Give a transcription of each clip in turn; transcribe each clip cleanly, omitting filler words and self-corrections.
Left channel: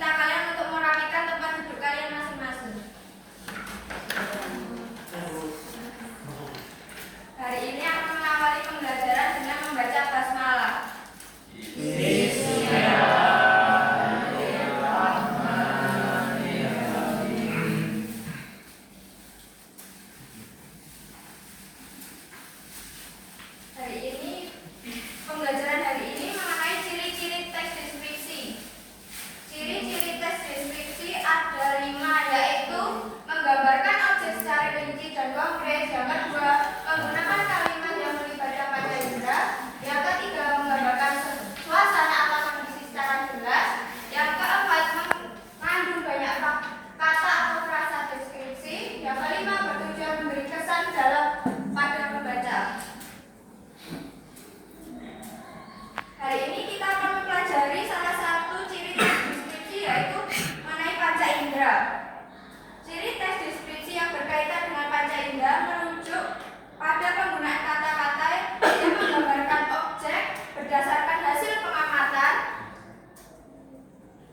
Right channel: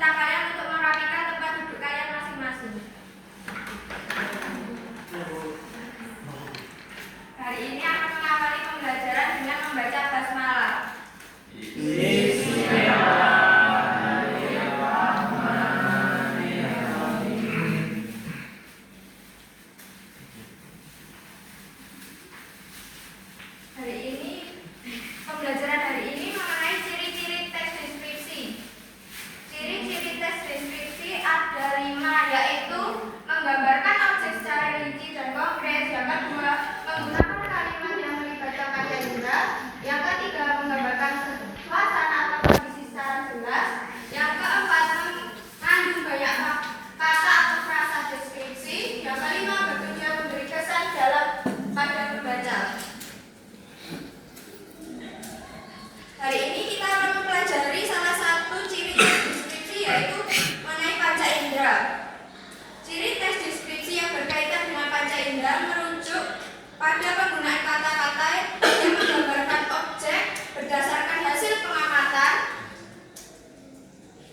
meminta kalian untuk merapikan tempat duduk kalian masing-masing. Hari ini akan mengawali pembelajaran dengan membaca basmalah. Pembelajaran hari ini mengenai ciri-ciri teks deskripsi. Ciri-ciri teks deskripsi ada 5, yaitu menggambarkan objek secara rinci dan konkret. Yang kedua, menggunakan kalimat yang melibatkan panca indera. Yang ketiga, menggambarkan suasana atau kondisi secara jelas. Yang keempat, mengandung banyak kata atau frasa deskripsi. Yang kelima, bertujuan memberi kesan dalam pada pembaca. Hari ini kita akan mempelajari salah satu ciri teks deskripsi, yaitu mengenai panca indera. Ciri teks deskripsi yang berkaitan dengan panca indera merujuk pada penggunaan kata-kata yang menggambarkan objek berdasarkan hasil pengamatan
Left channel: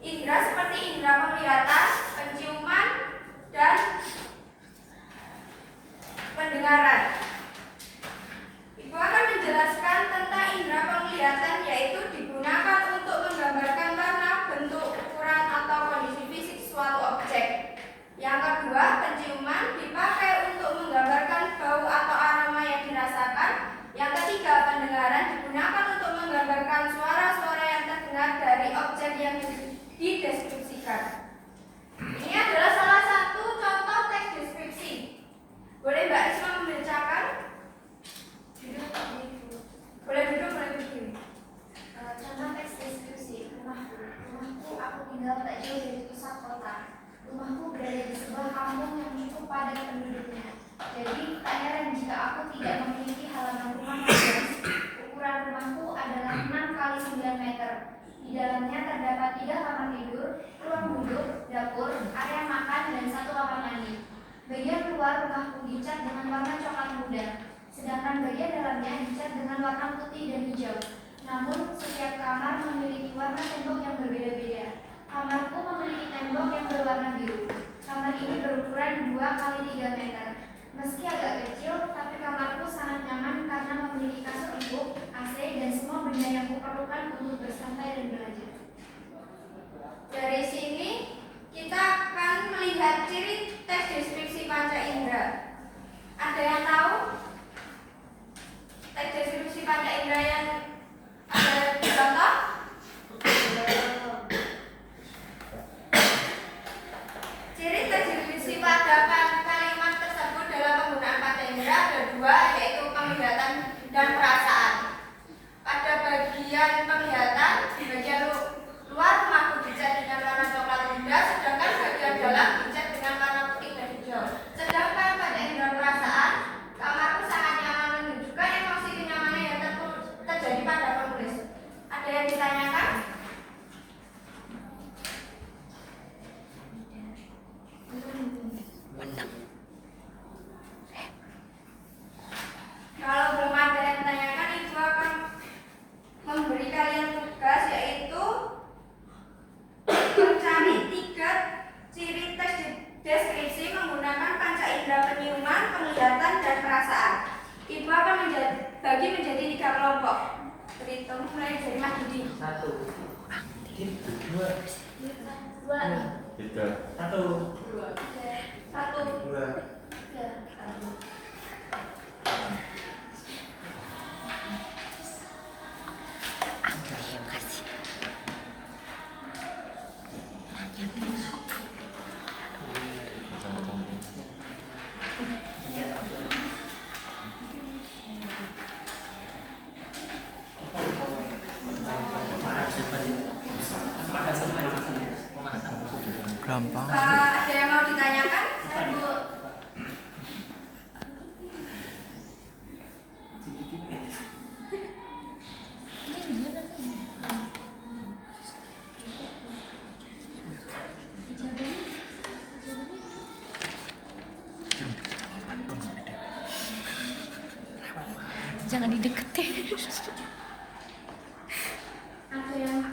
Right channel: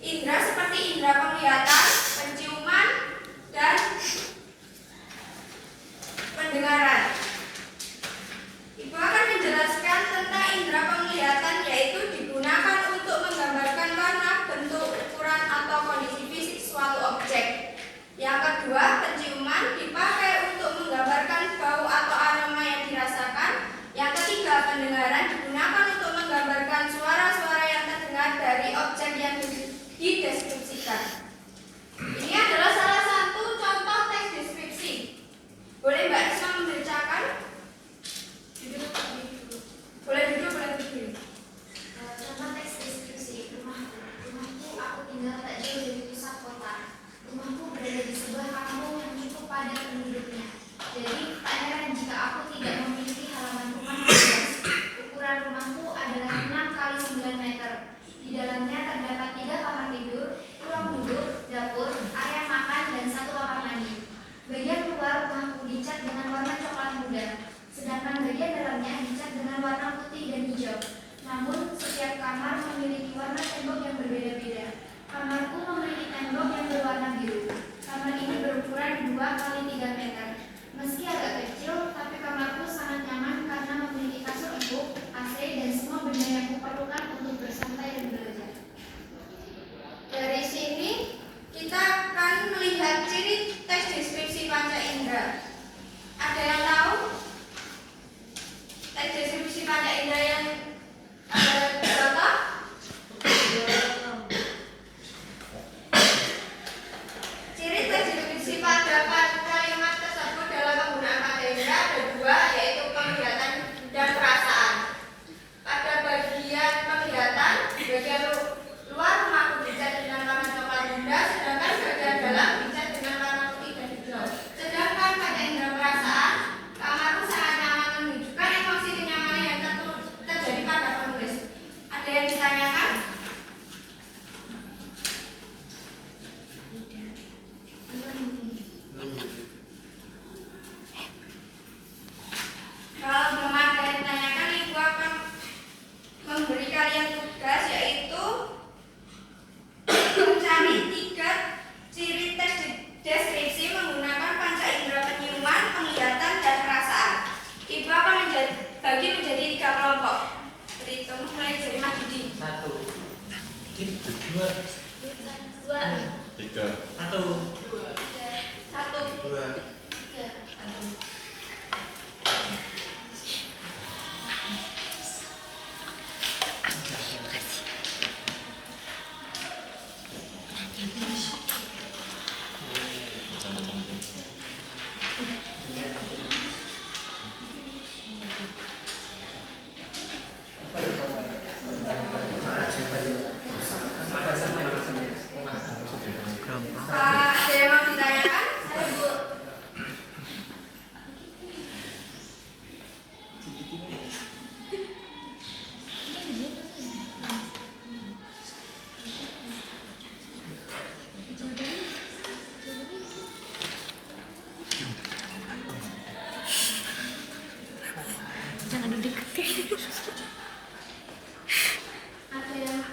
indera seperti indera penglihatan, penciuman, dan pendengaran. Ibu akan menjelaskan tentang indera penglihatan, yaitu digunakan untuk menggambarkan warna, bentuk, ukuran, atau kondisi fisik suatu objek. Yang kedua, penciuman dipakai untuk menggambarkan bau atau aroma yang dirasakan. Yang ketiga, pendengaran digunakan untuk menggambarkan suara-suara yang terdengar dari objek yang dideskripsikan. Ini adalah salah satu contoh teks deskripsi. Boleh Mbak Isma membacakan? Boleh duduk, boleh berdiri. Contoh teks deskripsi. Rumahku aku tinggal tak jauh dari pusat kota. Rumahku berada di sebuah kampung yang cukup padat penduduknya. Jadi tak heran jika aku tidak memiliki halaman rumah yang luas. Ukuran rumahku adalah 6 kali 9 meter. Di dalamnya terdapat 3 kamar tidur, ruang duduk, dapur, area makan, dan 1 kamar mandi. Bagian luar rumahku dicat dengan warna coklat muda, sedangkan bagian dalamnya dicat dengan warna putih dan hijau. Namun, setiap kamar memiliki warna tembok yang berbeda-beda. Kamarku memiliki tembok yang berwarna biru. Kamar ini berukuran 2 kali 3 meter. Meski agak kecil, tapi kamarku sangat nyaman karena memiliki kasur empuk, AC, dan semua benda yang kuperlukan untuk bersantai dan belajar. Dari sini kita akan melihat ciri teks deskripsi panca indera. Ada yang tahu teks deskripsi panca indera yang ada berapa? Ciri teks deskripsi pada kalimat tersebut dalam penggunaan panca indera ada 2, yaitu penglihatan dan perasaan. Pada bagian penglihatan, bagian luar rumahku dicat dengan warna coklat muda, sedangkan bagian dalam dicat dengan warna putih dan hijau. Sedangkan pada indera perasaan, kamarku sangat nyaman, menunjukkan emosi kenyamanan yang terjadi pada penulis. Ada yang ditanyakan? Kalau belum ada yang ditanyakan, Ibu akan memberi kalian tugas, yaitu mencari 3 ciri teks deskripsi menggunakan panca indera penciuman, penglihatan, dan perasaan. Ibu akan bagi menjadi 3 kelompok. Berhitung mulai dari Mas Didi. 1, 2, 2, 3, 1, 1, 2. 3. Ada yang mau ditanyakan? Jangan dideketin. Ada yang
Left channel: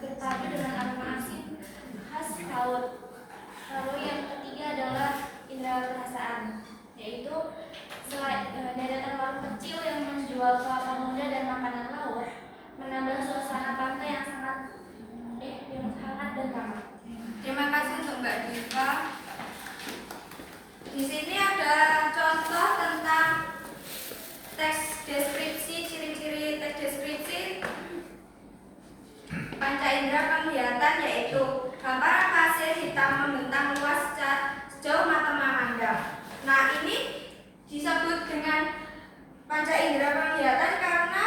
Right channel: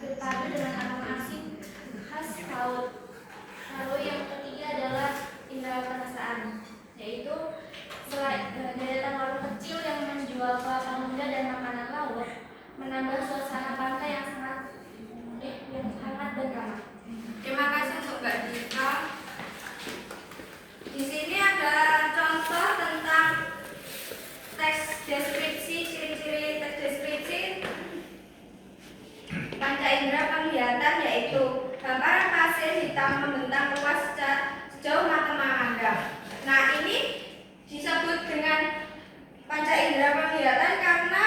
berpadu dengan aroma asin khas laut. Lalu yang ketiga adalah indera perasaan, yaitu deretan warung kecil yang menjual kelapa muda dan makanan laut menambah suasana pantai yang hangat dan ramah. Terima kasih untuk Mbak Dika. Di sini ada contoh tentang teks deskripsi, ciri-ciri teks deskripsi panca indera penglihatan, yaitu hamparan pasir hitam membentang luas sejauh mata memandang. Nah, ini disebut dengan panca indera penglihatan karena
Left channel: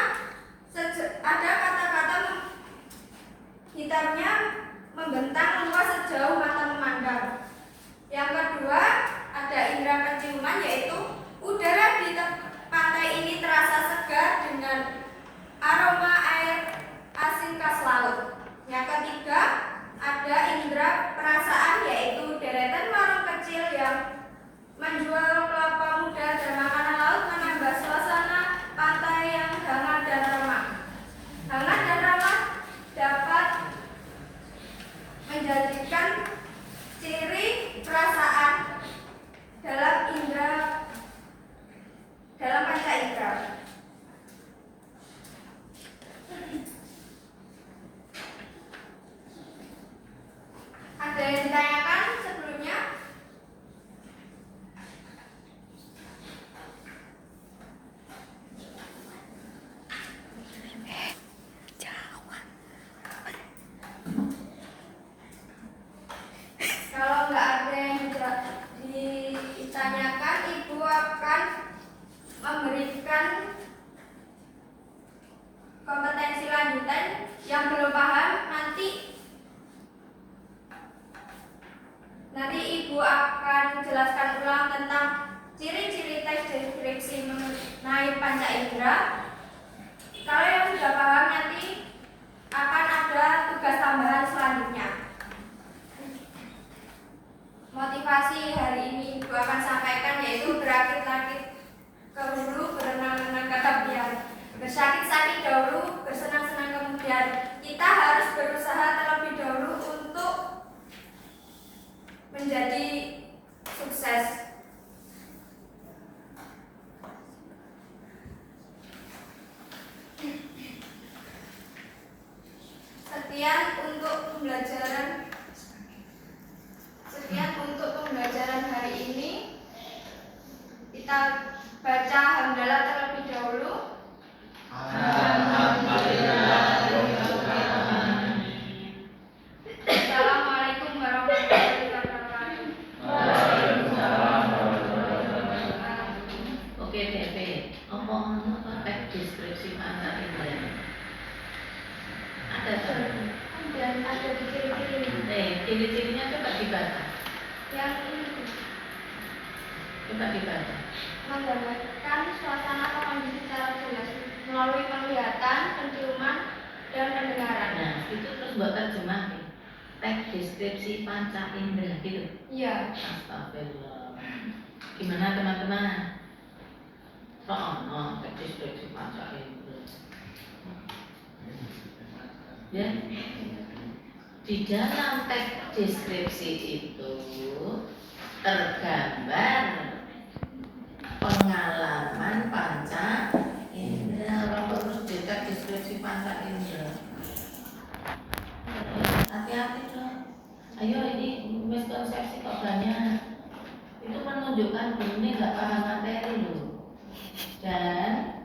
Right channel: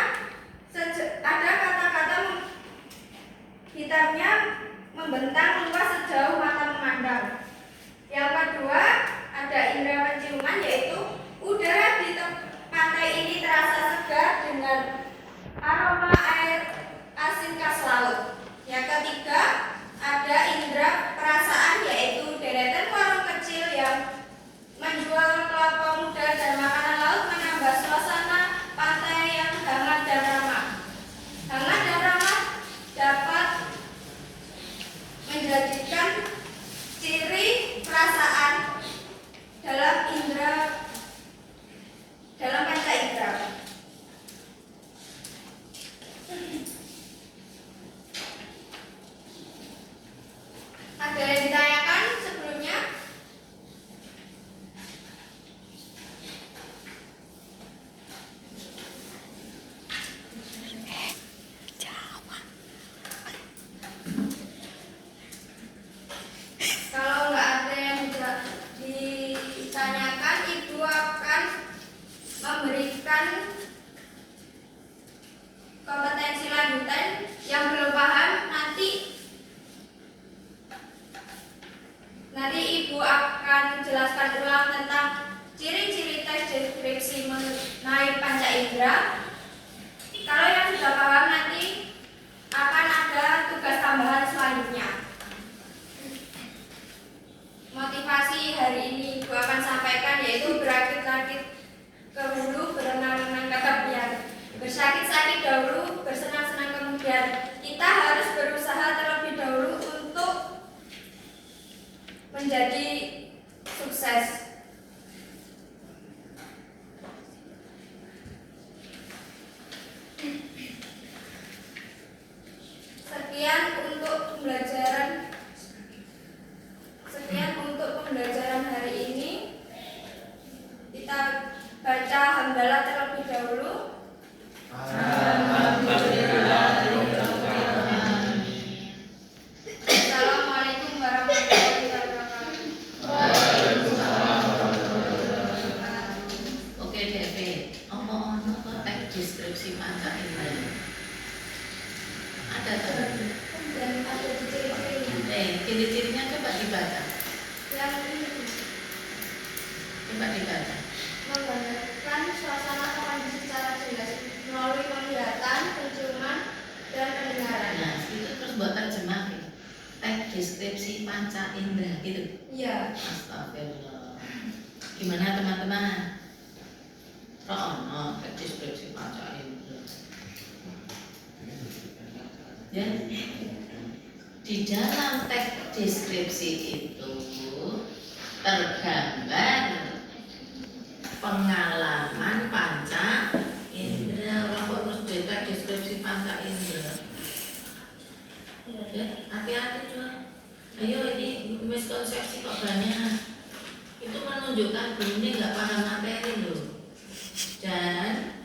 ada kata-kata hitamnya membentang luas sejauh mata memandang. Yang kedua, ada indera penciuman, yaitu udara di pantai ini terasa segar dengan aroma air asin khas laut. Yang ketiga, ada indera perasaan, yaitu deretan warung kecil yang menjual kelapa muda dan makanan laut menambah suasana pantai yang hangat dan ramah. Hangat dan ramah dapat menjadikan ciri perasaan dalam panca indera. Ada yang ditanyakan sebelumnya? Kalau nggak ada yang ditanyakan, Ibu akan memberikan kompetensi lanjutan. Yang belum paham nanti Ibu akan jelaskan ulang tentang ciri-ciri teks deskripsi mengenai panca indera. Kalau yang sudah paham, nanti akan ada tugas tambahan selanjutnya. Motivasi hari ini Ibu akan sampaikan, yaitu berakit-rakit ke hulu, berenang-renang ke tepian, bersakit-sakit dahulu, bersenang-senang kemudian. Kita harus berusaha terlebih dahulu untuk menjadi sukses. Sekian untuk pembelajaran hari ini. Kita baca hamdalah terlebih dahulu. Assalamualaikum warahmatullahi wabarakatuh. Oke, DP. Apa teks deskripsi panca indera? Ada tak? Dan ada ciri-cirinya. Ciri-cirinya coba dibaca. Yang ini Coba dibaca. Menggambarkan suasana atau kondisi secara jelas melalui penglihatan, penciuman, dan pendengaran. Nah, itu terus buat terjemah. Teks deskripsi panca indera gitu. Iya. Astagfirullah. Gimana teman-teman? Rono teks deskripsi panca indera. Ya. Di dalam teks deskripsi itu tergambar pengalaman panca indera. Waktu terus di teks deskripsi panca indera. Ya, hati-hati dong. Ayo, ini miskonsepsi kok banyak. Itu menunjukkan ini nggak paham materi loh. Dan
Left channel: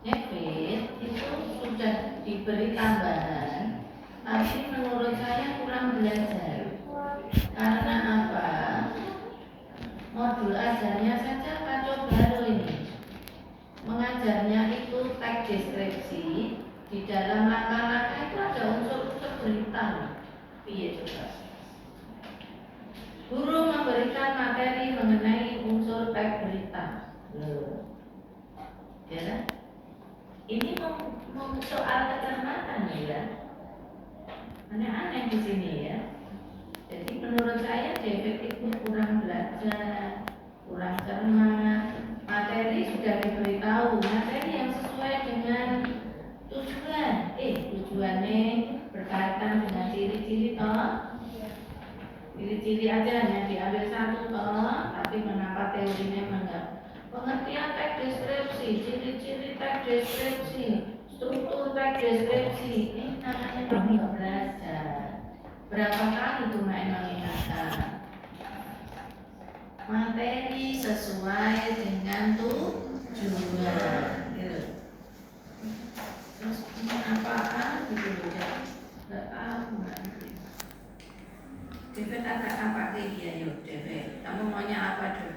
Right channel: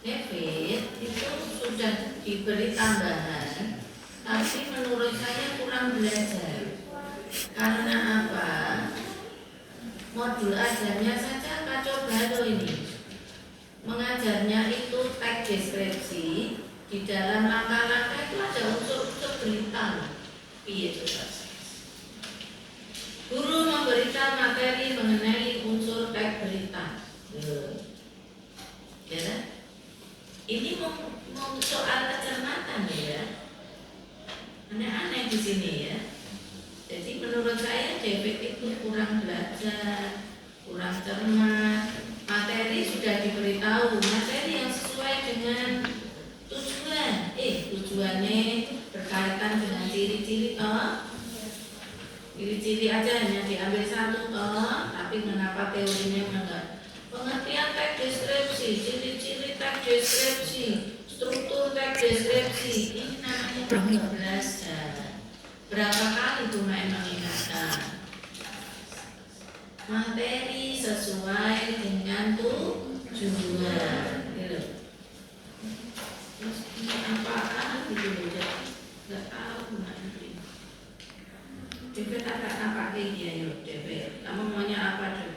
David itu sudah diberi tambahan, tapi menurut saya kurang belajar. Karena apa? Modul ajarnya saja kacau balau ini. Mengajarnya itu teks deskripsi, di dalam langkah-langkah itu ada unsur-unsur berita. Iya coba. Guru memberikan materi mengenai unsur teks berita. Ya kan? Ini mau soal kecermatan ya. Aneh-aneh di sini ya. Jadi menurut saya David itu kurang belajar, kurang cermat. Materi sudah diberitahu, materi yang sesuai dengan tujuannya berkaitan deskripsi, struktur teks deskripsi. Ini namanya belajar. Berapa kali Bu Mai mengingatkan? Materi sesuai dengan tujuan. Gitu. Terus ini apaan gitu loh, nggak tahu Mbak ini. David agak nampak dia yuk David. Kamu maunya apa David?